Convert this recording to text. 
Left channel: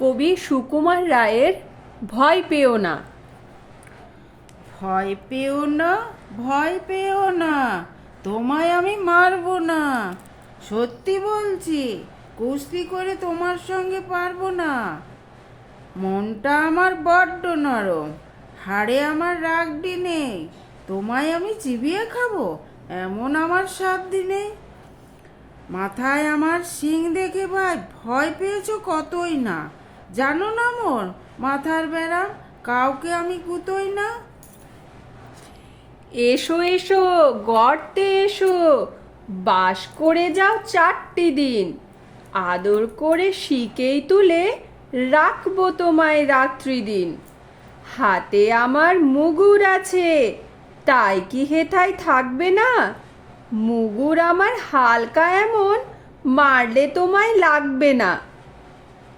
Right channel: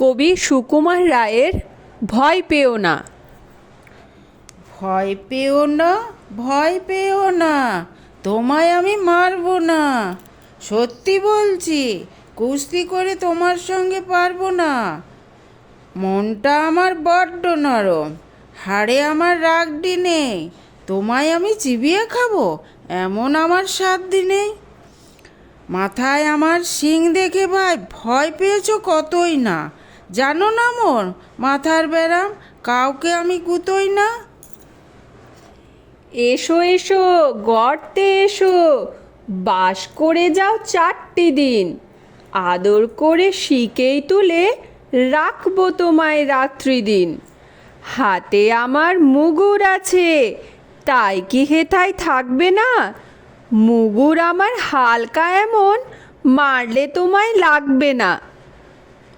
কবি সুকুমার রায়ের ভয় পেও না ভয় পেও না ভয় পেও না তোমায় আমি মারব না সত্যি বলছি কুস্তি করে তোমার সঙ্গে পারবো না মনটা আমার বড্ড নরম হাড়ে আমার রাগডি নেই তোমায় আমি চিবিয়ে খাবো এমন আমার সাধ্যি নেই মাথায় আমার শিং দেখে ভাই ভয় পেয়েছো কতই না জানো না মোর মাথার ব্যারাম কাউকে আমি কুতোই না এসো এসো গর্তে এসো বাস করে যাও চারটি দিন আদর করে শিকেই তুলে রাখবো তোমায় রাত্রি দিন হাতে আমার মুগুর আছে তাই কি হেথায় থাকবে না মুগুর আমার হালকা এমন মারলে তোমায় লাগবে না